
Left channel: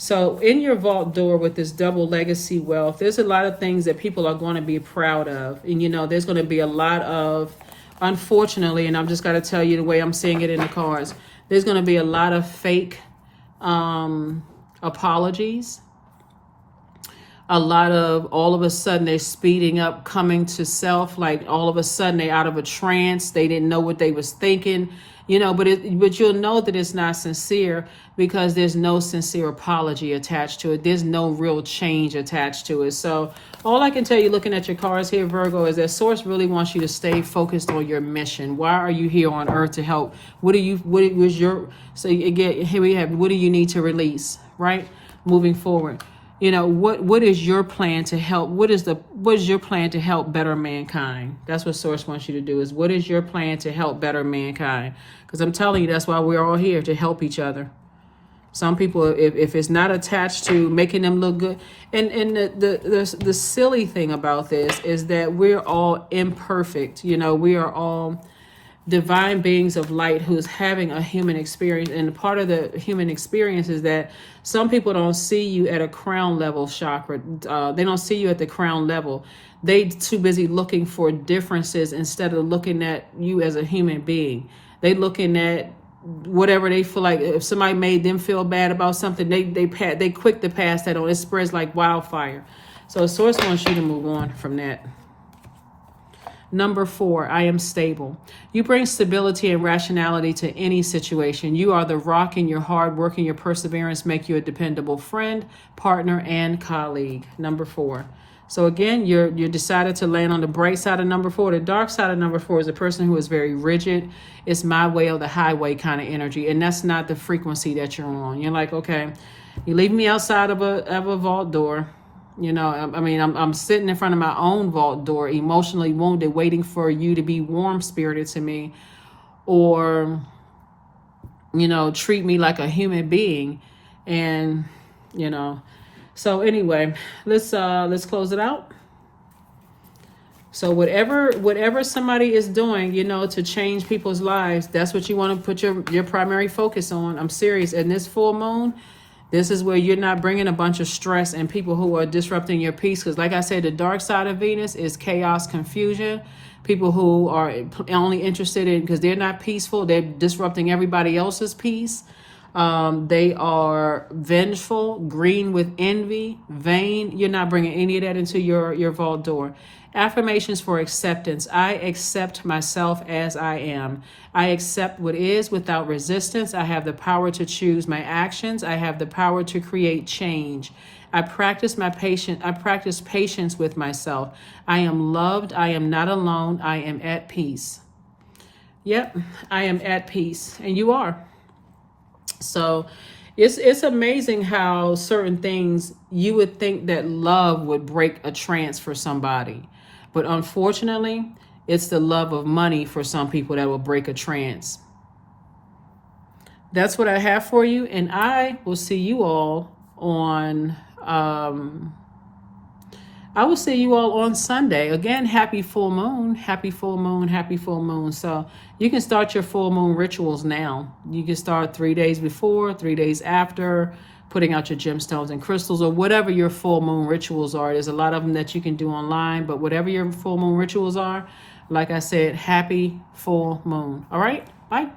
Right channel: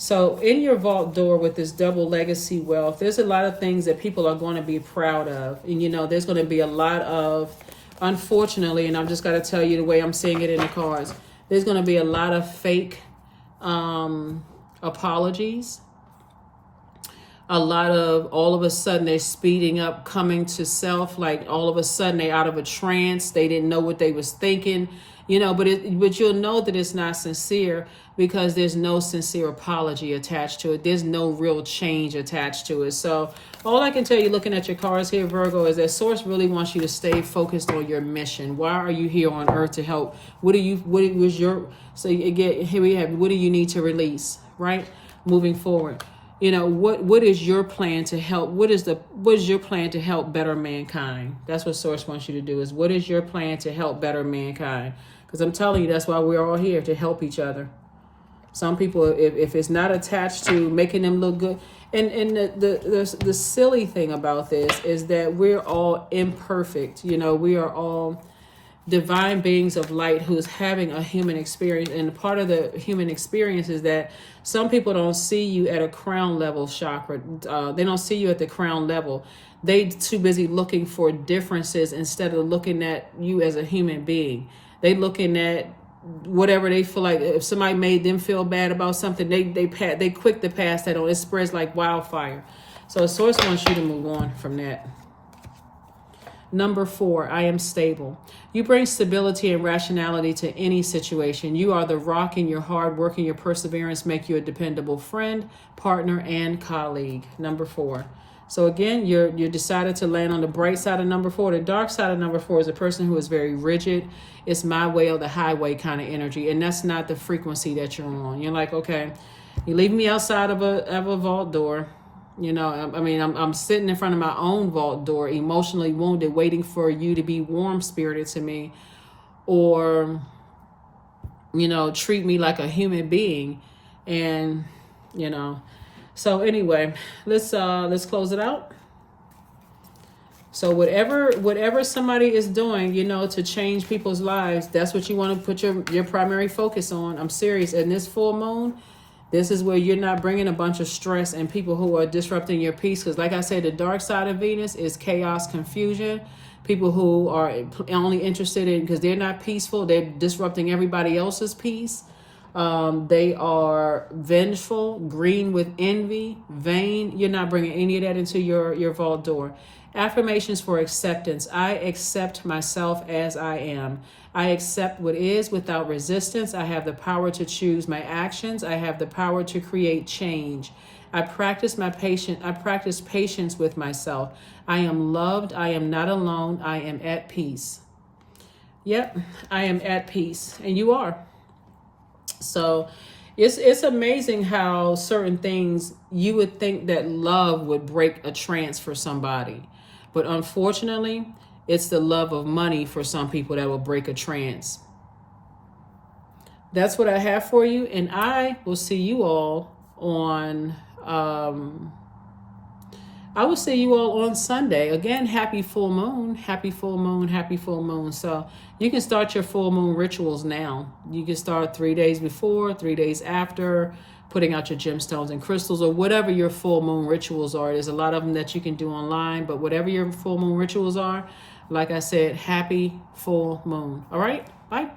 So in your vault door with this double legacy wealth, there's a lot of things that people are going to be proud of. And, you know, there's going to be a lot of, unfortunately, and I'm just got to tell you the way I'm seeing it in the cards, There's going to be a lot of fake apologies. A lot of, all of a sudden they're speeding up, coming to self, like all of a sudden they're out of a trance. They didn't know what they was thinking, but you'll know that it's not sincere because there's no sincere apology attached to it. There's no real change attached to it. So all I can tell you looking at your cards here, Virgo, is that Source really wants you to stay focused on your mission. Why are you here on earth to help? What was your, so again, here we have, what do you need to release, right? Moving forward. What is your plan to help? What is your plan to help better mankind? That's what Source wants you to do, is what is your plan to help better mankind? Because I'm telling you, that's why we're all here, to help each other. Some people, if it's not attached to making them look good, and the silly thing about this is that we're all imperfect. We are all divine beings of light who's having a human experience, and part of the human experience is that some people don't see you at a crown level chakra. They don't see you at the crown level. They too busy looking for differences instead of looking at you as a human being. They looking at whatever they feel like. If somebody made them feel bad about something, they quick to pass that on. It spreads like wildfire. So Source wants you to move on from that. Number 4, I am stable. You bring stability and rationality to any situation. You are the rock, and your hard work and your perseverance make you a dependable friend, partner, and colleague. Number 4. So again, you decided to land on the bright side of number 4. The dark side of number 4 is a person who is very rigid. It's my way or the highway kind of energy, and that's not the frequency that you're on. You're like, okay, you leave me outside of a vault door. I'm sitting in front of my own vault door, emotionally wounded, waiting for you to be warm-spirited to me, or, treat me like a human being. And, so anyway, let's close it out. So whatever somebody is doing, to change people's lives, that's what you want to put your primary focus on. I'm serious. And this full moon, this is where you're not bringing a bunch of stress and people who are disrupting your peace. Because like I said, the dark side of Venus is chaos, confusion. People who are only interested in, because they're not peaceful, they're disrupting everybody else's peace. They are vengeful, green with envy, vain. You're not bringing any of that into your vault door. Affirmations for acceptance. I accept myself as I am. I accept what is without resistance. I have the power to choose my actions. I have the power to create change. I practice patience with myself. I am loved. I am not alone. I am at peace. Yep, I am at peace, and you are. So it's amazing how certain things, you would think that love would break a trance for somebody. But unfortunately, it's the love of money for some people that will break a trance. That's what I have for you. And I will see you all on, Sunday. Again, happy full moon, happy full moon, happy full moon. So you can start your full moon rituals now. You can start 3 days before, 3 days after, putting out your gemstones and crystals, or whatever your full moon rituals are. There's a lot of them that you can do online, but whatever your full moon rituals are, like I said, happy full moon. All right, bye.